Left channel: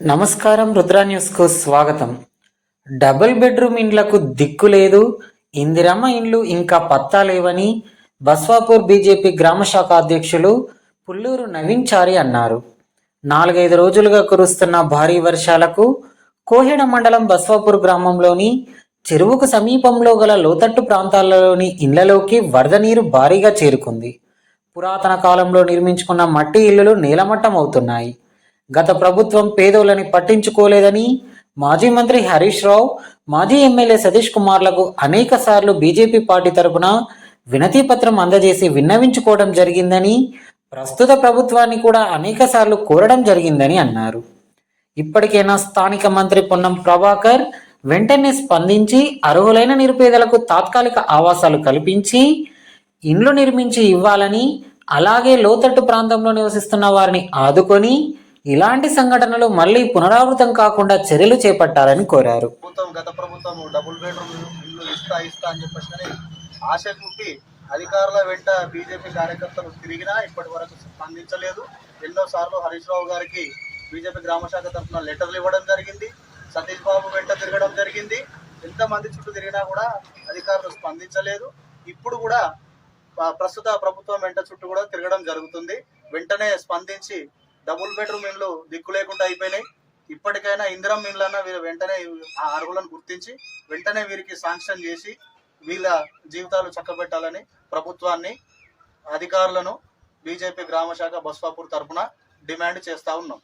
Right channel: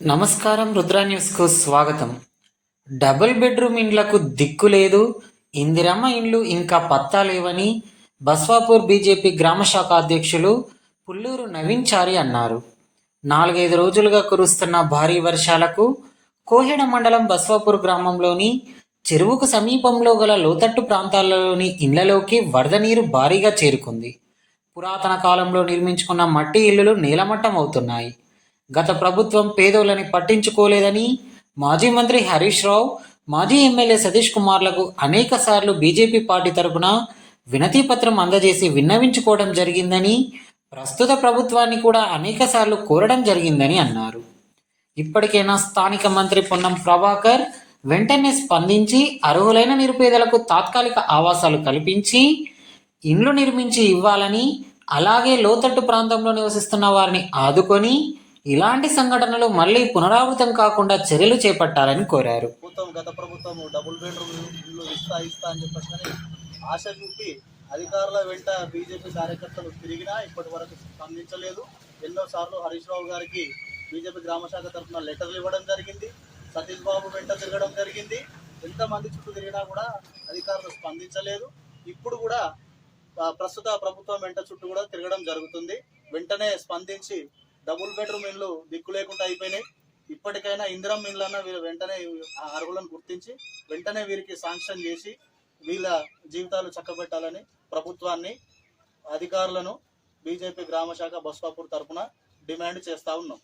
నమస్కారం రుద్రా న్యూస్కు స్వాగతం. డబుల్ బెడ్రూమ్ ఇండ్లకు దిక్కు లేదు. ఇందిరమ్మ ఇండ్లు ఇంకా పత్తా లేవని బస్వాపూర్ బీజేపీ గ్రామ శాఖ అధ్యక్షులు పుల్లూరు నవీన్ చారి అన్నారు. నాలుగైదు రోజులుగా కురుస్తున్న భారీ వర్షాలకు కోహెడ మండలం బస్వాపూర్ గ్రామంలోని చెరువుకు సమీపంలో గల లోతట్టు ప్రాంతాలలోని ఇండ్లలోకి వరద నీరు భారీగా చేరుకుంది. పురాతన కాలంలో నిర్మించుకున్న మట్టి ఇల్లులు నేలమట్టం అవుతున్నాయి గత ప్రభుత్వం పేదోళ్ళని పట్టించుకోలేదని మాజీ మంత్రి హరీష్ రావు మాజీ ఎమ్మెల్యే సతీష్ కుమార్లకు అనేక సార్లు బీజేపీ పార్టీ తరపున వినతి పత్రం అందజేసి విన్నవించుకోవడం జరిగిందని ప్రస్తుత ప్రభుత్వాన్ని కూడా అనేక సార్లు కోరడం జరిగిందని అన్నారు. ఇప్పటికైనా స్థానిక మంత్రి పొన్నం ప్రభాకర్ వెంటనే స్పందించి అర్హులైన నిరుపేదలకు తాత్కాలిక ఆవాసాలు కల్పించి ఇండ్లు నిర్మించి ఇవ్వాలని అలాగే లోతట్టు ప్రాంతంలో నివసిస్తున్న వారిని ఆదుకొని ఇలాంటి సంఘటనలు మళ్ళీ పునరావృతం కాకుండా చర్యలు చేపట్టాలని కోరారు. ప్రభుత్వం గత ప్రభుత్వం డబుల్ బెడ్రూమ్ ఇల్లు ఇస్తా ఇస్తా అని చెప్పేసి ఆశ చూపి అధికారుల వెంట బీజేపీ కార్యకర్తలు తిరిగినా ఇప్పటి వరకు స్పందించలేదు. ఎన్నో సార్లు హరీష్ రావు గారికి బీజేపీ గ్రామ శాఖ తరఫున లెటర్లు ఇవ్వడం జరిగింది. సతీష్ బాబు వెంట తిరగడం జరిగింది. ఎంతమంది చుట్టూ తిరిగినా కూడా అధికారులు స్పందించలేదు. ఇప్పుడు కూడా ప్రస్తుత ప్రభుత్వం వెంట చుట్టూ కూడా తిరగడం జరుగుతుంది. వెంటనే స్పందించి డబుల్ బెడ్రూమ్ ఇండ్లు దిక్కు లేకుండా అయిపోయినాయి. ఇప్పటికైనా ఇందిరం ఇండ్లన్నా వీరు వెంటనే ఆ అర్హులను గుర్తించి వెంటనే వీరికి శాంక్షన్ చేసి వీళ్ళ జీవితాలు చక్కబెట్టాలని ప్రభుత్వాన్ని అధికారులను బీజేపీ గ్రామ శాఖ బస్వాపూర్ తరఫున డిమాండ్ చేస్తా ఉన్నాం.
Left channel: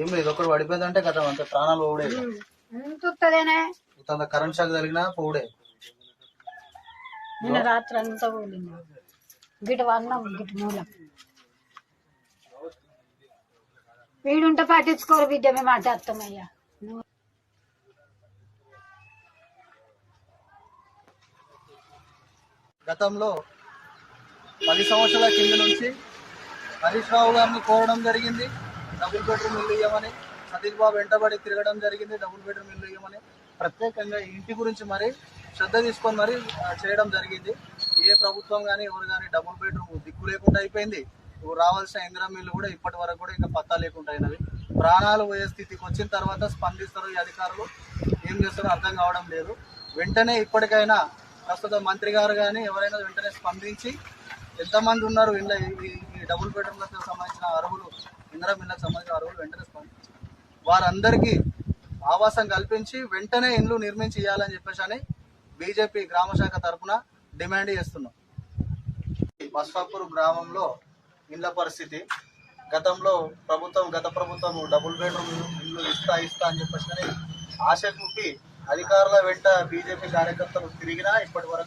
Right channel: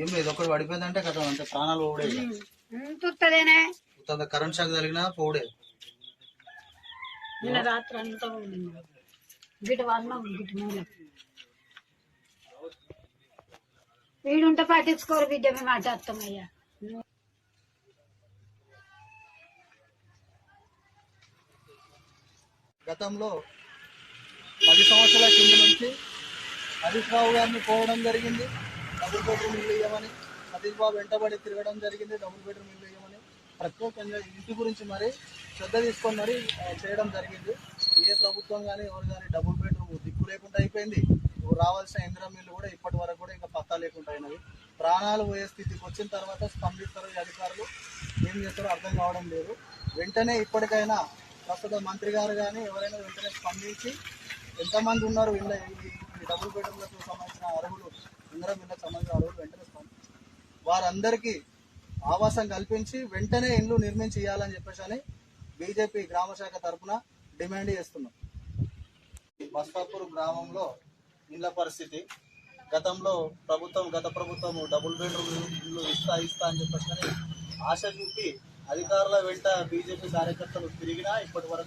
ఏం లేదు ఒకటి పడిపోయిందంటే కదా అంతే ప్రాణాలు మొత్తం కరెంట్ షాక్ తగిలినా పోడే నిన్న రాత్రి అంతా పోలింది. గిట వన్నాం గిట మూలం వీడుంటే పట్టించుకోరు బిడ్డ మేము మాట్లాడతామయ్యా గతంలో పది సంవత్సరాల కింద నుంచి హరీష్ రావు గారిని కోరడం జరిగింది డబుల్ బెడ్రూమ్ ఇల్లు ఇవ్వమని సతీష్ బాబు వెంటబడి తిరగడం జరిగింది డబుల్ బెడ్రూమ్ ఇల్లు ఇవ్వమని ప్రత్యేకంగా ఇంటి గురించి మరి శ్రద్ధ తీసుకొని మరి చేయడం జరిగింది. ఏ ప్రభుత్వం కానీ ఎవరు కానీ డబుల్ బెడ్రూమ్ దిక్కు లేకుండా అయిపోయింది. ఇప్పుడు రావాల్సిన ఇందిరా మిల్లు కూడా ఇప్పటి వరకు కూడా ఇంకా పత్తా లేకుండా అయినవి ప్రాణాలు పోయే స్థితికి వచ్చిన తర్వాత స్పందిస్తారు ఈ అధికారులు ఏం చేస్తారో అర్థం కావడం లేదు. వెంటనే ఇప్పటికైనా ప్రస్తుత మంత్రి గారు కానీ ఎవరైనా వెంటనే స్పందించి ఎంతమంది ఉన్నారు ఇళ్ళ ఈ డబుల్ బెడ్రూమ్లకు సంబంధించిన అర్హులు ఇందిరా మిల్లకు సంబంధించిన అర్హులు వెంటనే స్పందించి వారందరికీ ఆవాసం కల్పించి వెంటనే ఇండ్లు నిర్మించి ఇవ్వాలని చెప్పేసి అని బీజేపీ గ్రామ శాఖ తరఫున డిమాండ్ చేస్తున్నాం. బస్వాపూర్ గ్రామంలో ఇండ్ల పరిస్థితి. గతంలో ప్రభుత్వం గత ప్రభుత్వం డబుల్ బెడ్రూమ్ ఇల్లు ఇస్తా ఇస్తా అని చెప్పేసి కానీ ఆశ చూపి అధికారుల వెంట బీజేపీ కార్యకర్తలు తిరిగినా ఇప్పటి వరకు